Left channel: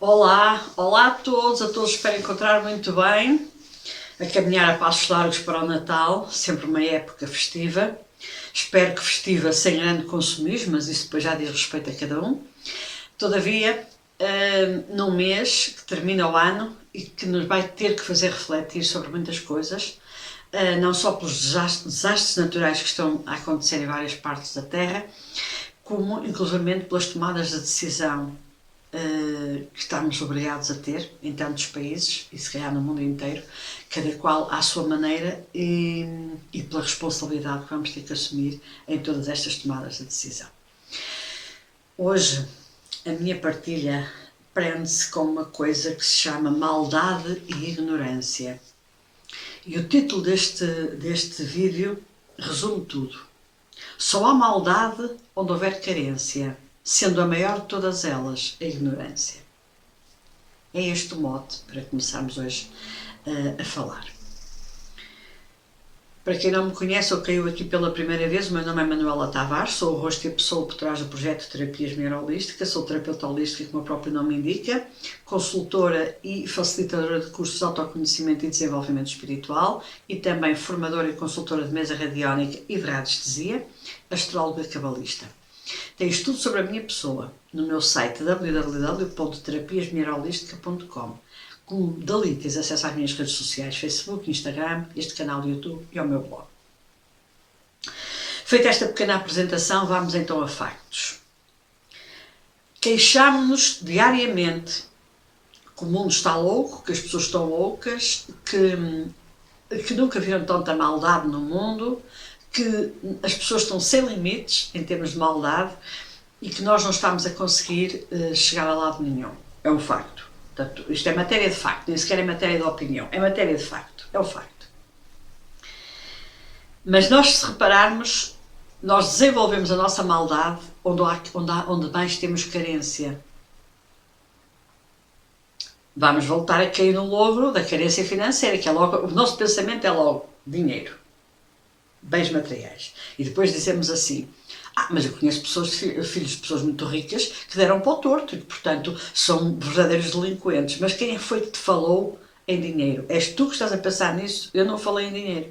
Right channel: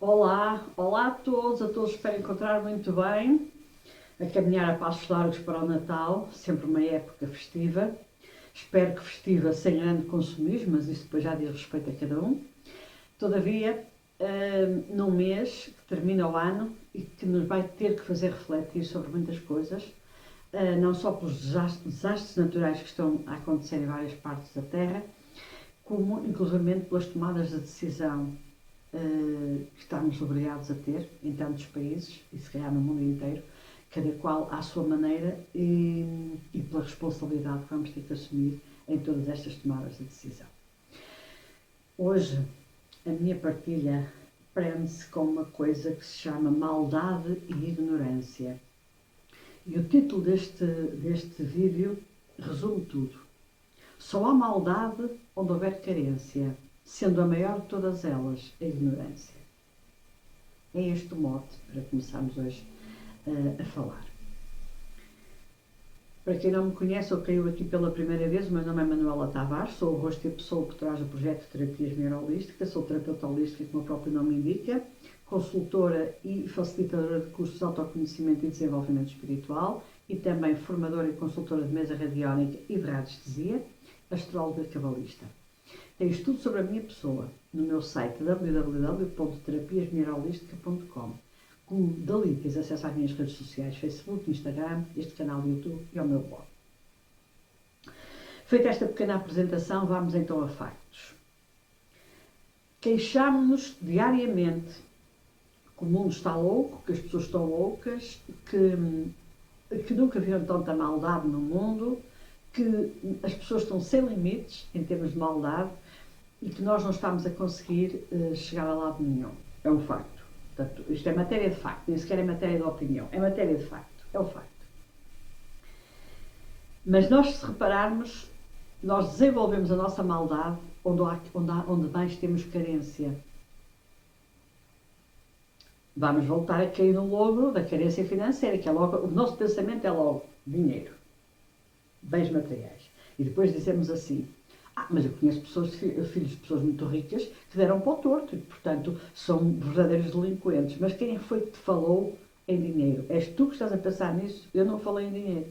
Olá, olá a todos espero encontrar muito bem, a caminhar a passos largos para o Natal, sempre uma época festiva. Espero que festiva sem grande consumismo, mas isso depois já diz respeito a cada um. Todavia, num mês que termina o ano e que nos vai ter que fazer refletir sobre muitas coisas, não só pelos desastres naturais que estão a acontecer em várias partes da Terra, como inclusivamente pelas tomadas de decisão que estamos obrigados a ter em tantos países e se calhar no mundo inteiro, cada qual à sua maneira e pela responsabilidade que vamos ter que assumir em todas estas tomadas de decisão. Hoje a minha partilha prende-se com uma coisa que se chama maldade e ignorância. E o título deste vídeo resume tudo. Só há maldade onde houver carência, sendo a maior de todas elas a ignorância. É este o mote para começarmos hoje a falar. Para quem não me conhece ou caiu aqui pela primeira vez, o meu nome é Manuela Tavares, sou o rosto e a pessoa por trás do projeto Terapias Neuroholísticas, sou terapeuta holística, como o próprio nome indica, consultora e facilitadora de cursos de autoconhecimento e desenvolvimento espiritual e também formadora e consultora de mesa radiónica e de radiestesia, astróloga cabalista. Tens tudo sobre a minha pessoa no meu site www.terapiasmineralholística.com. Como dali tens acesso às minhas redes sociais, Facebook, Instagram, este canal do YouTube e ao meu blog. Feita esta pequena apresentação, vamos então a factos. Queixámos-nos diariamente que o mundo está louco, que as pessoas estão loucas, que nunca viram tanta maldade no mundo, que as pessoas estão sem limites em termos de maldade e que nós não estamos a conseguir chegar a lado nenhum. É um facto. Portanto, isto é matéria de facto, nem sequer é matéria de opinião, é matéria de facto, é um facto. Mas nós, se repararmos, nós desenvolvemos a nossa maldade onde mais temos carência. Vamos voltar a cair no logro da carência financeira, que é logo, o nosso pensamento é logo dinheiro, bens materiais. E depois dizemos assim, mas eu conheço pessoas, filhos de pessoas muito ricas que deram para o torto e que, portanto, são verdadeiros delinquentes. Mas quem foi que te falou em dinheiro? És tu que estás a pensar nisso? Eu não falei em dinheiro.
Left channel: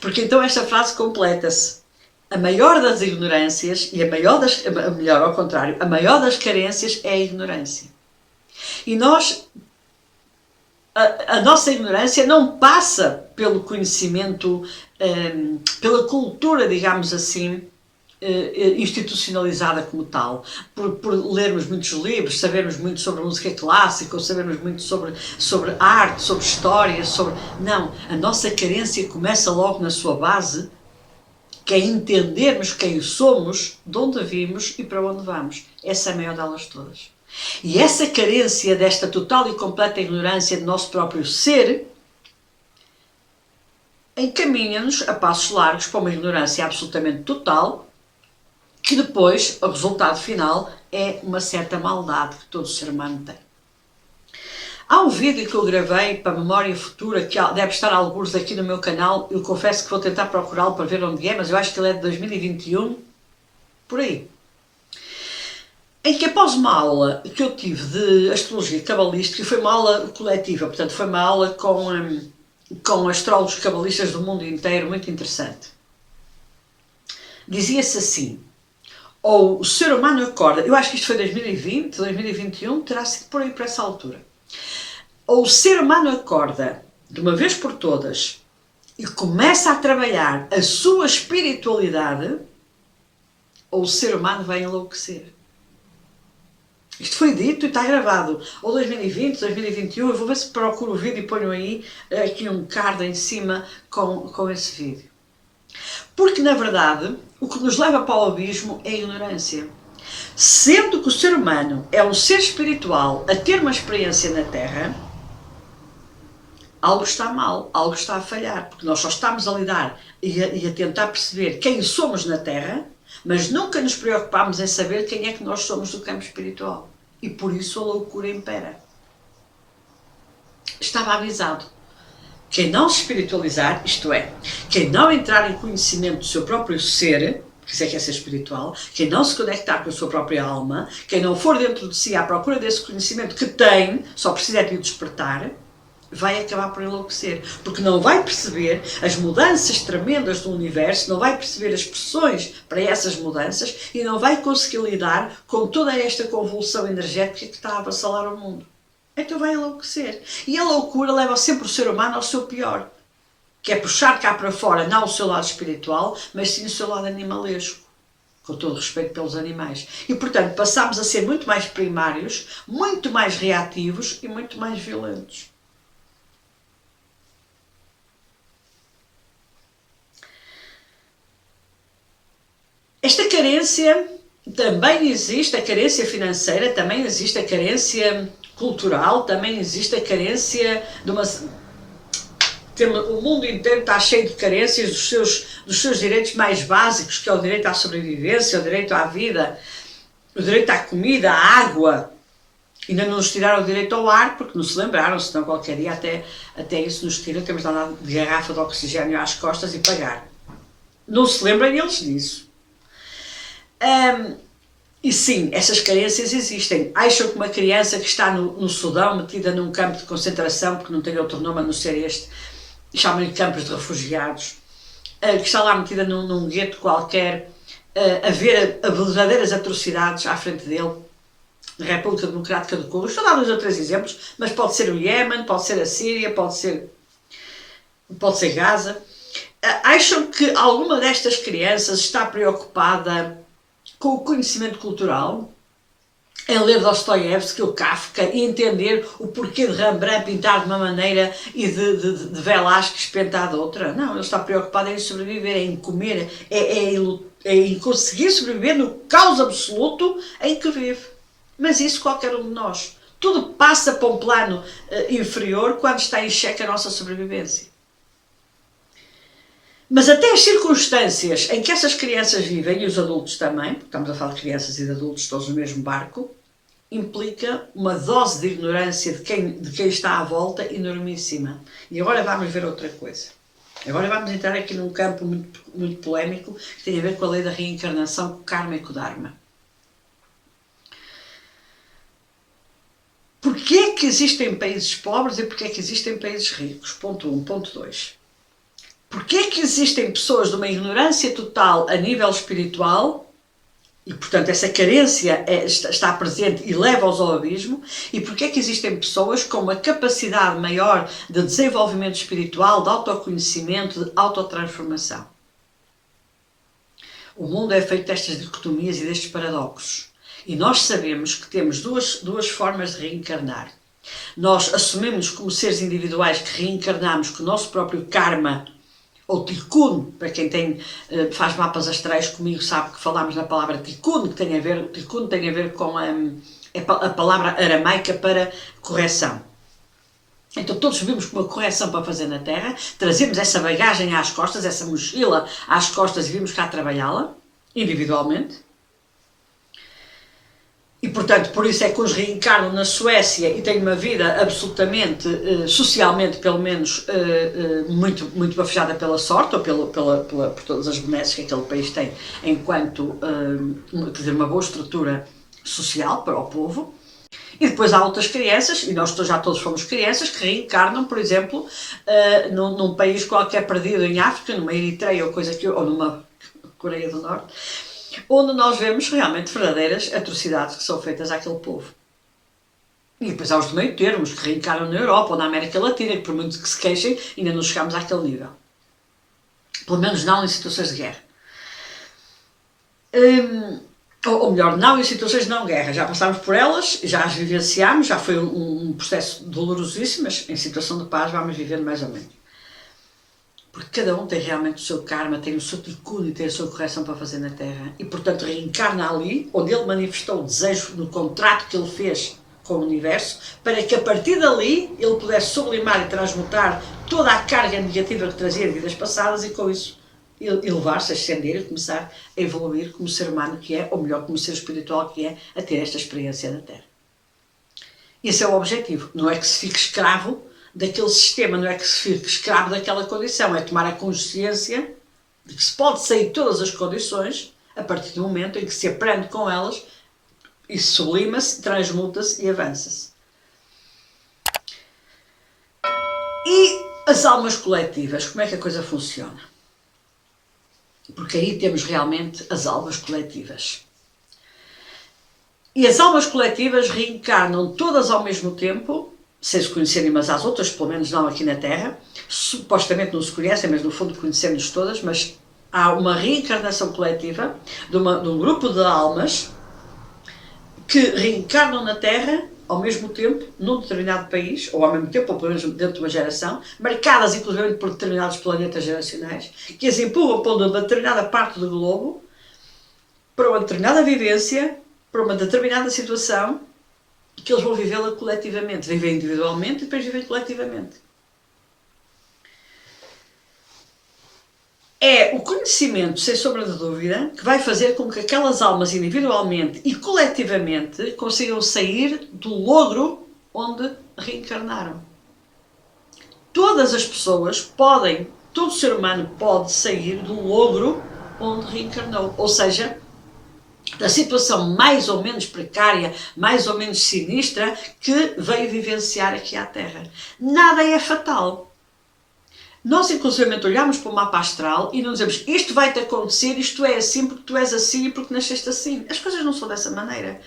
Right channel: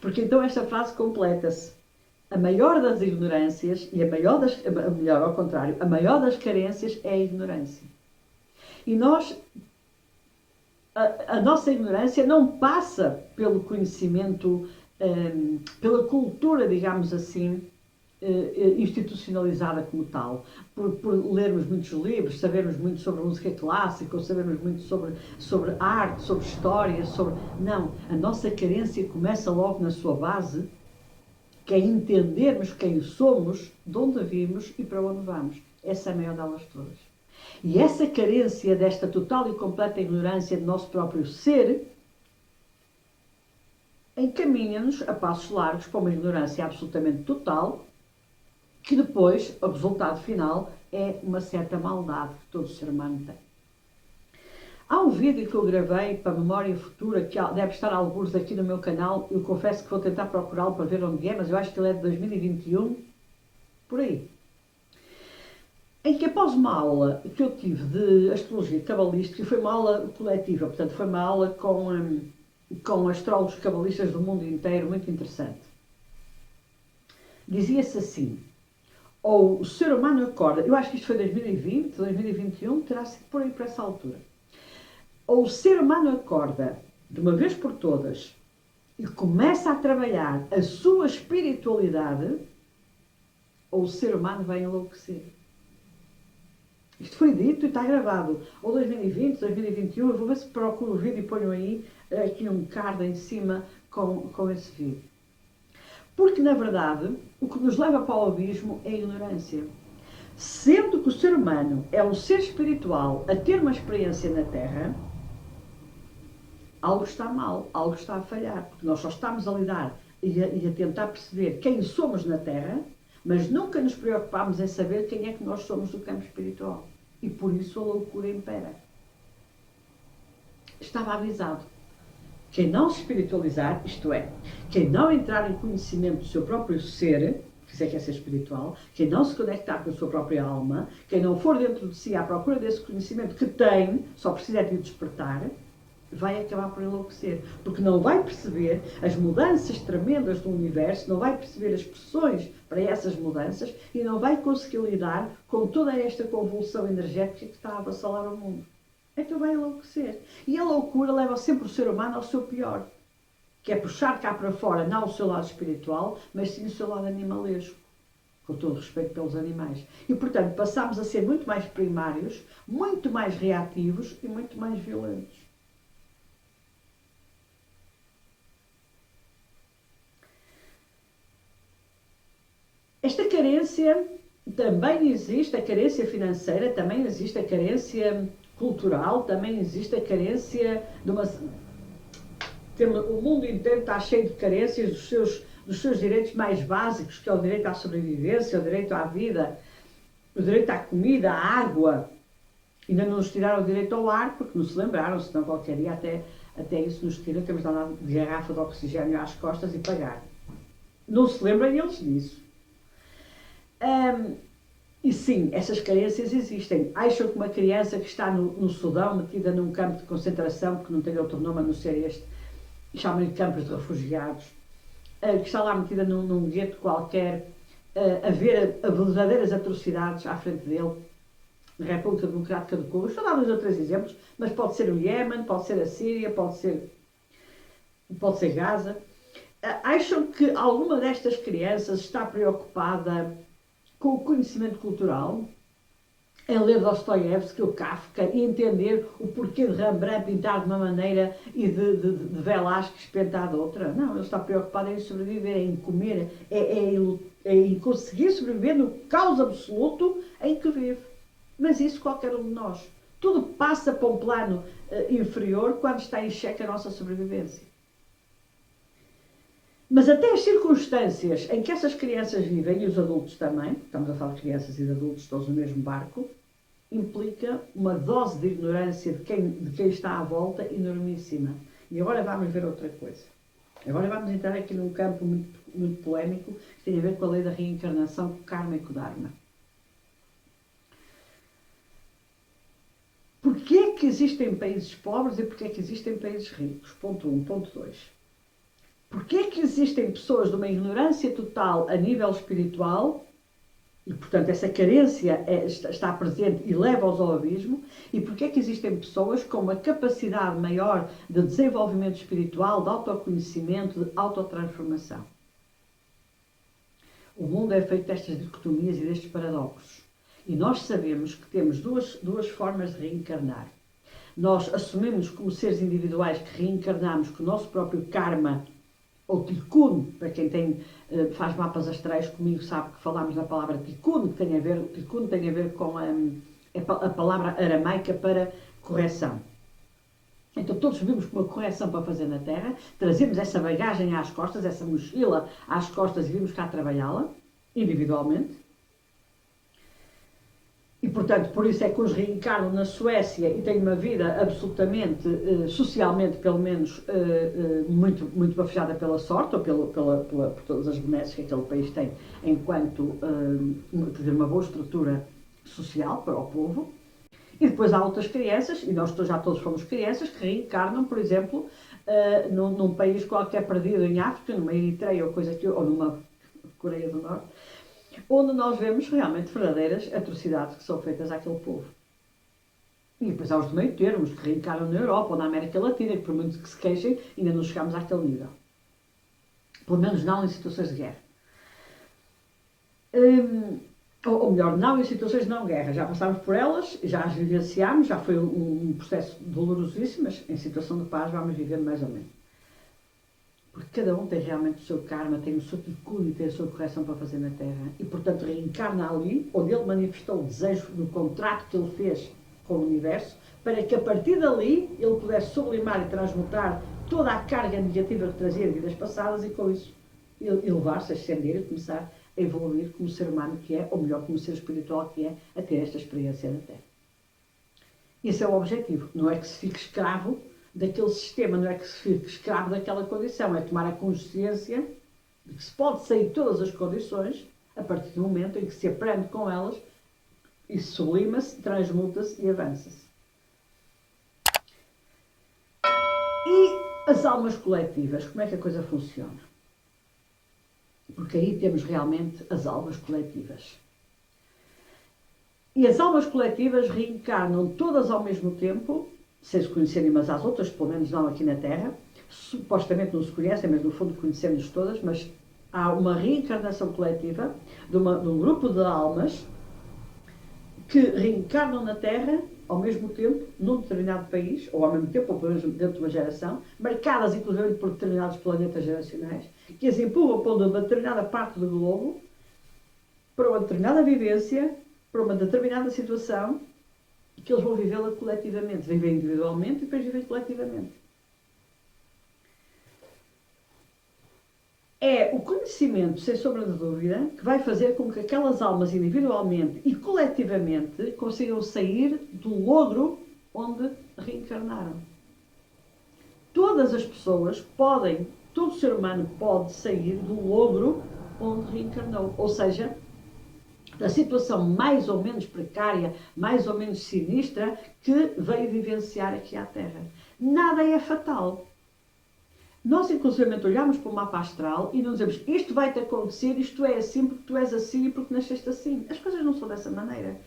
Porque então esta frase completa-se. A maior das ignorâncias e a maior das carências é a ignorância. E nós... A nossa ignorância não passa pelo conhecimento, pela cultura, digamos assim, institucionalizada como tal, por lermos muitos livros, sabermos muito sobre música clássica, ou sabermos muito sobre arte, sobre história, Não, a nossa carência começa logo na sua base, que é entendermos quem somos, de onde vimos e para onde vamos. Essa é a maior delas todas. E essa carência desta total e completa ignorância do nosso próprio ser encaminha-nos a passos largos para uma ignorância absolutamente total, que depois, o resultado final, é uma certa maldade que todo ser humano tem. Há um vídeo que eu gravei para a memória futura, que deve estar alguns aqui no meu canal, eu confesso que vou tentar procurá-lo para ver onde é, mas eu acho que ele é de 2021, por aí. Em que após uma aula que eu tive de astrologia cabalística, foi uma aula coletiva, portanto foi uma aula com astrólogos cabalistas do mundo inteiro, muito interessante. Dizia-se assim, ou o ser humano acorda, eu acho que isto foi 2020, 2021, terá sido por aí, por essa altura. Ou o ser humano acorda, de uma vez por todas, e começa a trabalhar a sua espiritualidade, ou o ser humano vai enlouquecer. Isto foi dito e está gravado, ou 2020, 2021, eu vou ver se procuro o vídeo e ponho aí aqui um card em cima com esse vídeo. Porque, na verdade, o que nos leva para o abismo é a ignorância. Sendo que o ser humano é um ser espiritual a ter uma experiência na Terra, algo está mal, algo está a falhar, porque nós só estamos a lidar e a tentar perceber quem somos na Terra, mas nunca nos preocupamos em saber quem é que nós somos do campo espiritual. E por isso a loucura impera. Estava avisado. Quem não se espiritualizar, isto é, quem não entrar em conhecimento do seu próprio ser, porque isso é que é ser espiritual, quem não se conectar com a sua própria alma, quem não for dentro de si à procura desse conhecimento que tem, só precisa de o despertar, vai acabar por enlouquecer, porque não vai perceber as mudanças tremendas do universo, não vai perceber as pressões para essas mudanças e não vai conseguir lidar com toda esta convulsão energética que está a avassalar o mundo. Então vai enlouquecer. E a loucura leva sempre o ser humano ao seu pior, que é puxar cá para fora não o seu lado espiritual, mas sim o seu lado animalesco, com todo o respeito pelos animais. E, portanto, passamos a ser muito mais primários, muito mais reativos e muito mais violentos. Esta carência também existe, a carência financeira, também existe a carência cultural, também existe a carência de uma... O mundo inteiro está cheio de carências dos seus direitos mais básicos, que é o direito à sobrevivência, o direito à vida, o direito à comida, à água. Ainda não nos tiraram o direito ao ar, porque não se lembraram, senão qualquer dia até isso nos tiram, temos de andar de garrafa de oxigênio às costas e pagar. Não se lembram eles disso. E sim, essas carências existem. Acham que uma criança que está no Sudão, metida num campo de concentração, porque não tem outro nome a não ser este, chamam-lhe campos de refugiados, que está lá metida num gueto qualquer, a ver verdadeiras atrocidades à frente dele, na República Democrática do Congo. Estou a dar 2 ou 3 exemplos, mas pode ser o Iémen, pode ser a Síria, pode ser Gaza. Acham que alguma destas crianças está preocupada com o conhecimento cultural, em ler Dostoiévski ou Kafka e entender o porquê de Rembrandt pintar de uma maneira e de Velázquez pintar de outra? Não, ele está preocupado em sobreviver, em comer, em conseguir sobreviver no caos absoluto em que vive. Mas isso qualquer um de nós. Tudo passa para um plano inferior quando está em xeque a nossa sobrevivência. Mas até as circunstâncias em que essas crianças vivem, e os adultos também, porque estamos a falar de crianças e de adultos todos no mesmo barco, implica uma dose de ignorância de quem está à volta enormíssima. E agora vamos ver outra coisa. Agora vamos entrar aqui num campo muito, muito polémico que tem a ver com a lei da reencarnação, com o karma e com o dharma. Porquê é que existem países pobres e porquê é que existem países ricos? Ponto 1. Ponto 2. Porquê é que existem pessoas de uma ignorância total a nível espiritual e, portanto, essa carência está presente e leva-os ao abismo? E porquê é que existem pessoas com uma capacidade maior de desenvolvimento espiritual, de autoconhecimento, de autotransformação? O mundo é feito destas dicotomias e destes paradoxos. E nós sabemos que temos duas formas de reencarnar. Nós assumimos como seres individuais que reencarnamos com o nosso próprio karma, ou tikkun, para quem faz mapas astrais comigo sabe que falamos na palavra tikkun, que tem a ver com a palavra aramaica para correção. Então todos vivemos com uma correção para fazer na Terra, trazemos essa bagagem às costas, essa mochila às costas e vimos cá trabalhá-la, individualmente. E, portanto, por isso é que uns reencarnam na Suécia e têm uma vida absolutamente, socialmente, pelo menos, muito, muito bafejada pela sorte, ou por todas as benesses que aquele país tem, enquanto ter uma boa estrutura social para o povo. E depois há outras crianças, e nós já todos fomos crianças, que reencarnam, por exemplo, num país qualquer perdido em África, numa Eritreia ou numa Coreia do Norte, onde nós vemos realmente verdadeiras atrocidades que são feitas àquele povo. E depois há os de meio termos, que reencarnam na Europa ou na América Latina, que por muito que se queixem, ainda não chegamos àquele nível. Pelo menos não em situações de guerra. Ou melhor, não em situações de não guerra. Já passámos por elas, já as vivenciámos, já foi um processo dolorosíssimo, mas em situação de paz vamos vivendo mais ou menos. Porque cada um tem realmente o seu karma, tem o seu tikkun e tem a sua correção para fazer na Terra. E, portanto, reencarna ali, onde ele manifestou o desejo no contrato que ele fez com o Universo, para que a partir dali ele pudesse sublimar e transmutar toda a carga negativa que trazia de vidas passadas e, com isso, elevar-se, ascender e começar a evoluir como ser humano que é, ou melhor, como ser espiritual que é, a ter esta experiência na Terra. Esse é o objetivo. Não é que se fique escravo daquele sistema, não é que se fique escravo daquela condição, é tomar a consciência de que se pode sair de todas as condições a partir do momento em que se aprende com elas e sublima-se, transmuta-se e avança-se. E as almas coletivas, como é que a coisa funciona? Porque aí temos realmente as almas coletivas. E as almas coletivas reencarnam todas ao mesmo tempo, sem se conhecerem umas às outras, pelo menos não aqui na Terra. Supostamente não se conhecem, mas no fundo conhecemos todas, mas há uma reencarnação coletiva de um grupo de almas que reencarnam na Terra ao mesmo tempo, num determinado país, ou ao mesmo tempo, ou pelo menos dentro de uma geração, marcadas inclusive por determinados planetas geracionais, que as empurram para uma determinada parte do globo, para uma determinada vivência, para uma determinada situação, que eles vão vivê-la coletivamente. Vivem individualmente e depois vivem coletivamente. É o conhecimento, sem sombra de dúvida, que vai fazer com que aquelas almas individualmente e coletivamente consigam sair do logro onde reencarnaram. Todas as pessoas podem, todo ser humano pode sair do logro onde reencarnou. Ou seja, da situação mais ou menos precária, mais ou menos sinistra que veio vivenciar aqui à Terra. Nada é fatal. Nós, inclusive, olhamos para o mapa astral e não dizemos isto vai-te acontecer, isto é assim porque tu és assim e porque nasceste assim. As coisas não são dessa maneira.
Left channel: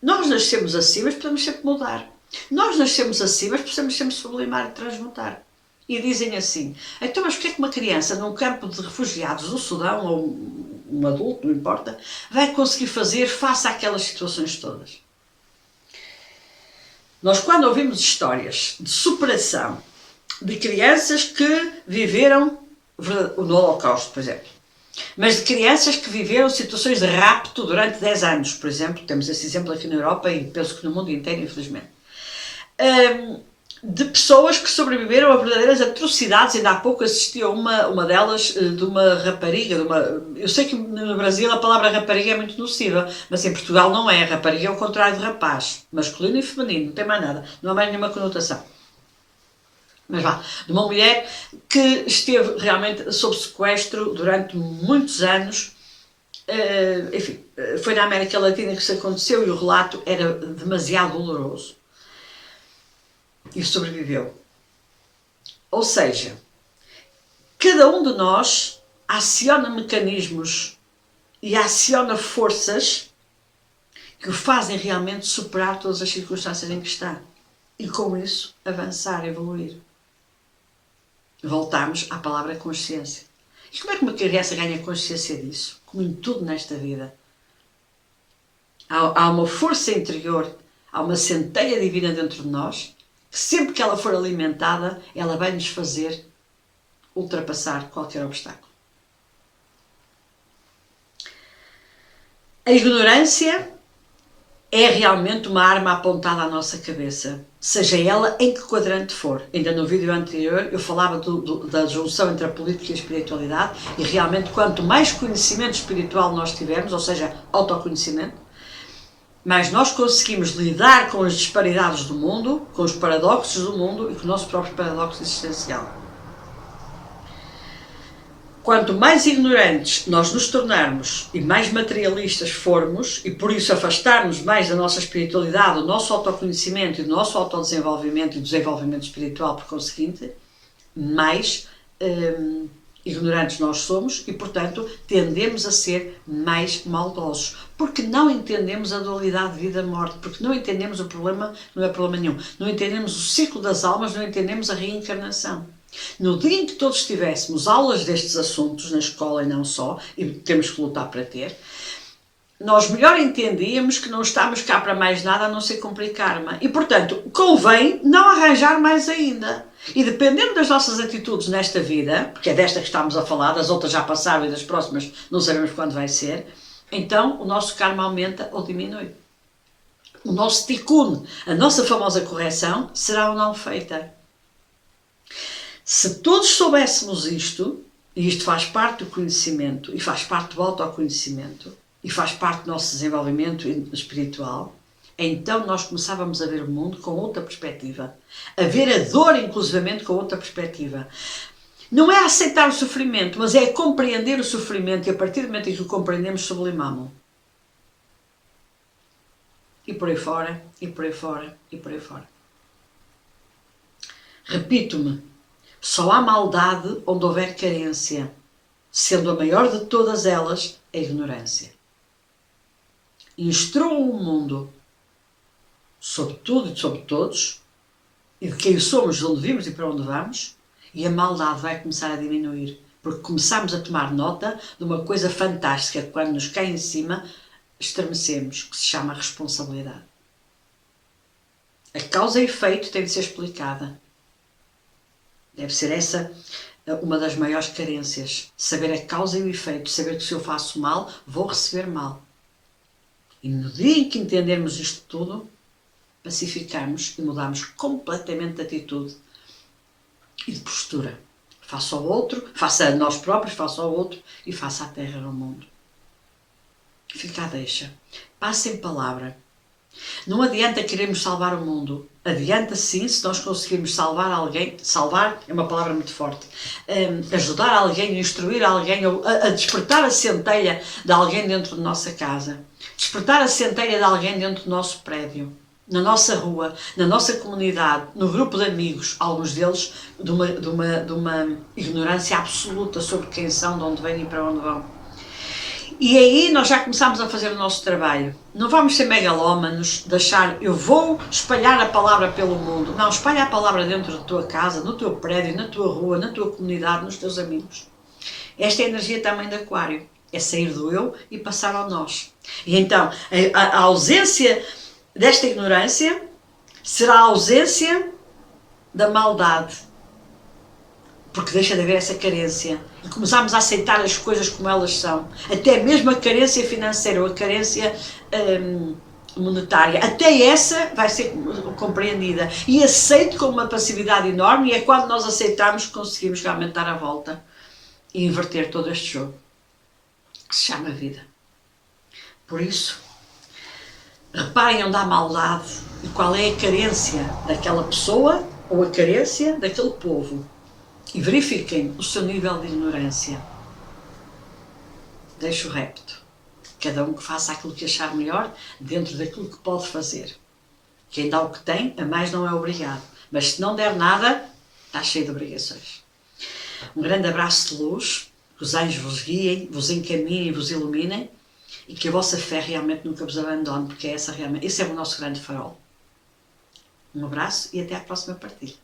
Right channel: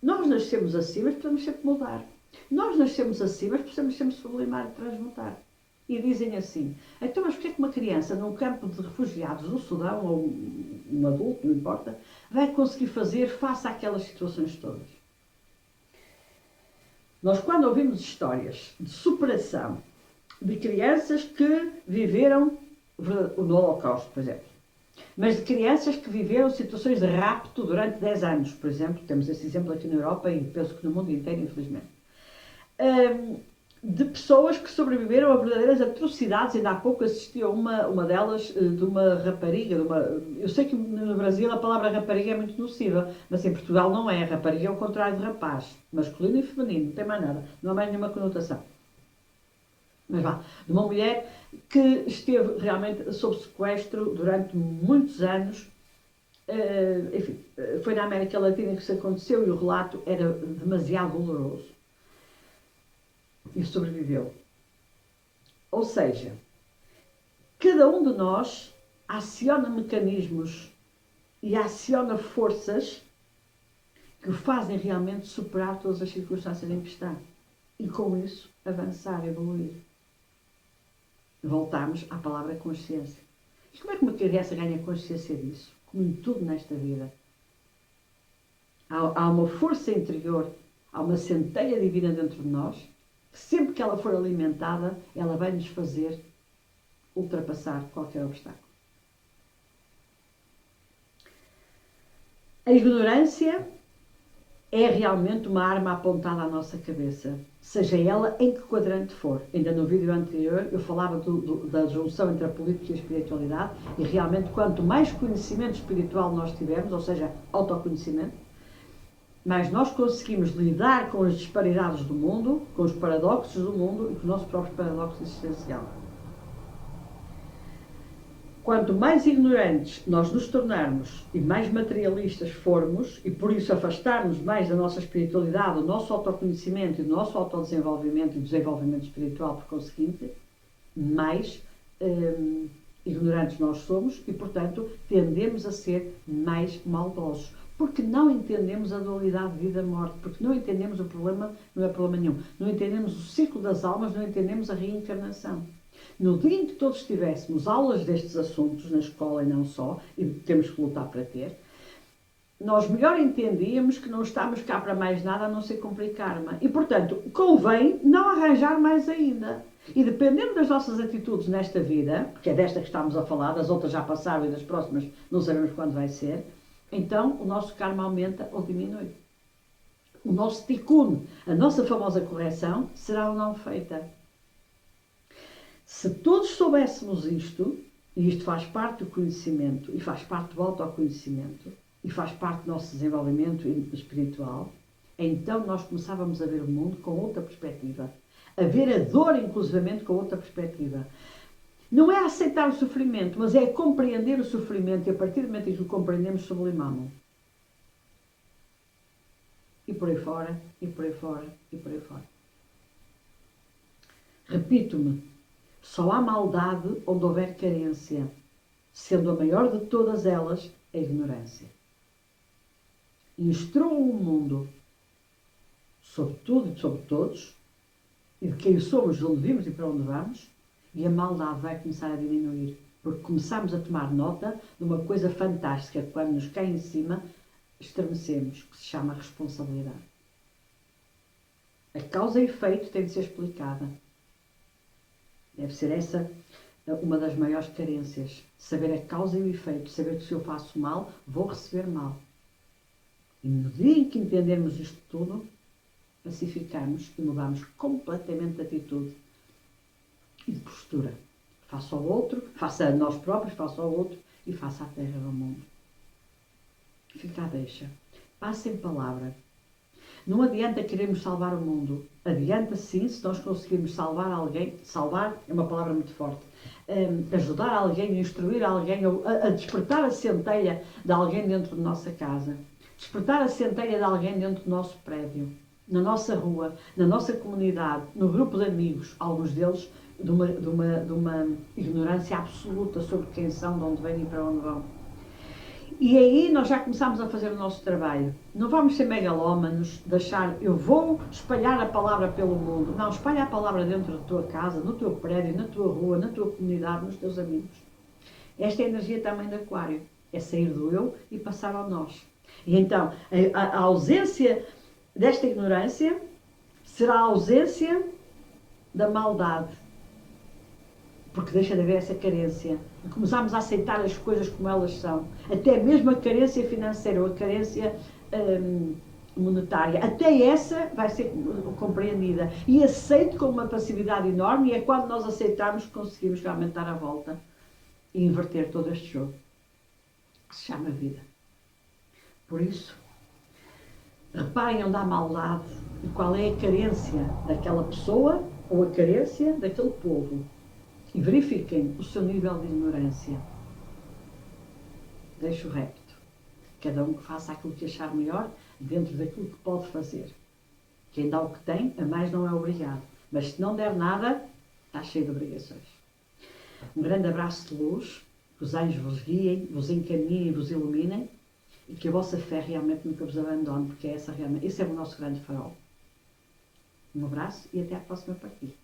Nós nascemos assim, mas podemos sempre mudar. Nós nascemos assim, mas podemos sempre sublimar e transmutar. E dizem assim, então mas porquê é que uma criança num campo de refugiados do Sudão, ou um adulto, não importa, vai conseguir fazer face àquelas situações todas? Nós, quando ouvimos histórias de superação de crianças que viveram no Holocausto, por exemplo, mas de crianças que viveram situações de rapto durante 10 anos, por exemplo, temos esse exemplo aqui na Europa e penso que no mundo inteiro, infelizmente, de pessoas que sobreviveram a verdadeiras atrocidades. Ainda há pouco assisti a uma delas, de uma rapariga, eu sei que no Brasil a palavra rapariga é muito nociva, mas em Portugal não é. Rapariga é o contrário de rapaz, masculino e feminino, não tem mais nada, não há mais nenhuma conotação. Mas vá, de uma mulher que esteve realmente sob sequestro durante muitos anos, enfim, foi na América Latina que isso aconteceu e o relato era demasiado doloroso. E sobreviveu. Ou seja, cada um de nós aciona mecanismos e aciona forças que o fazem realmente superar todas as circunstâncias em que está. E com isso avançar, evoluir. Voltamos à palavra consciência. E como é que uma criança ganha consciência disso? Como em tudo nesta vida. Há uma força interior, há uma centelha divina dentro de nós, que sempre que ela for alimentada, ela vai nos fazer ultrapassar qualquer obstáculo. A ignorância é realmente uma arma apontada à nossa cabeça, seja ela em que quadrante for. Ainda no vídeo anterior eu falava da junção entre a política e a espiritualidade, e realmente quanto mais conhecimento espiritual nós tivermos, ou seja, autoconhecimento, mais nós conseguimos lidar com as disparidades do mundo, com os paradoxos do mundo e com o nosso próprio paradoxo existencial. Quanto mais ignorantes nós nos tornarmos e mais materialistas formos, e por isso afastarmos mais da nossa espiritualidade, do nosso autoconhecimento e do nosso autodesenvolvimento e do desenvolvimento espiritual por conseguinte, mais ignorantes nós somos e, portanto, tendemos a ser mais maldosos. Porque não entendemos a dualidade de vida-morte, porque não entendemos o problema, não é problema nenhum, não entendemos o ciclo das almas, não entendemos a reencarnação. No dia em que todos tivéssemos aulas destes assuntos na escola e não só, e temos que lutar para ter, nós melhor entendíamos que não estamos cá para mais nada a não ser cumprir karma. E, portanto, convém não arranjar mais ainda. E dependendo das nossas atitudes nesta vida, porque é desta que estamos a falar, das outras já passaram e das próximas não sabemos quando vai ser, então o nosso karma aumenta ou diminui. O nosso tikkun, a nossa famosa correção, será ou não feita. Se todos soubéssemos isto, e isto faz parte do conhecimento, e faz parte do autoconhecimento, e faz parte do nosso desenvolvimento espiritual, então nós começávamos a ver o mundo com outra perspectiva. A ver a dor, inclusivamente, com outra perspectiva. Não é aceitar o sofrimento, mas é compreender o sofrimento, e a partir do momento em que o compreendemos, sublimamos. E por aí fora, e por aí fora, e por aí fora. Repito-me, só há maldade onde houver carência, sendo a maior de todas elas a ignorância. Instruam o mundo sobre tudo e sobre todos, e de quem somos, de onde vimos e para onde vamos, e a maldade vai começar a diminuir, porque começamos a tomar nota de uma coisa fantástica que quando nos cai em cima, estremecemos, que se chama responsabilidade. A causa e efeito tem de ser explicada. Deve ser essa uma das maiores carências. Saber a causa e o efeito. Saber que se eu faço mal, vou receber mal. E no dia em que entendermos isto tudo, pacificamos e mudamos completamente de atitude e de postura. Faça ao outro, faça a nós próprios, faça ao outro e faça à terra e ao mundo. Fica a deixa. Passe em palavra. Não adianta querermos salvar o mundo. Adianta sim se nós conseguirmos salvar alguém. Salvar é uma palavra muito forte. Ajudar alguém, instruir alguém, a despertar a centelha de alguém dentro de nossa casa. Despertar a centelha de alguém dentro do nosso prédio. Na nossa rua, na nossa comunidade, no grupo de amigos, alguns deles de uma ignorância absoluta sobre quem são, de onde vêm e para onde vão. E aí nós já começamos a fazer o nosso trabalho. Não vamos ser megalómanos, de achar eu vou espalhar a palavra pelo mundo. Não, espalha a palavra dentro da tua casa, no teu prédio, na tua rua, na tua comunidade, nos teus amigos. Esta é a energia também de Aquário. É sair do eu e passar ao nós. E então, a ausência desta ignorância será a ausência da maldade. Porque deixa de haver essa carência. E começamos a aceitar as coisas como elas são. Até mesmo a carência financeira ou a carência monetária. Até essa vai ser compreendida. E aceito com uma passividade enorme, e é quando nós aceitamos que conseguimos realmente dar a volta e inverter todo este jogo, que se chama vida. Por isso, reparem onde há maldade e qual é a carência daquela pessoa ou a carência daquele povo. E verifiquem o seu nível de ignorância. Deixo o repto. Cada um que faça aquilo que achar melhor dentro daquilo que pode fazer. Quem dá o que tem, a mais não é obrigado. Mas se não der nada, está cheio de obrigações. Um grande abraço de luz. Que os anjos vos guiem, vos encaminhem e vos iluminem. E que a vossa fé realmente nunca vos abandone, porque esse é o nosso grande farol. Um abraço e até à próxima partilha.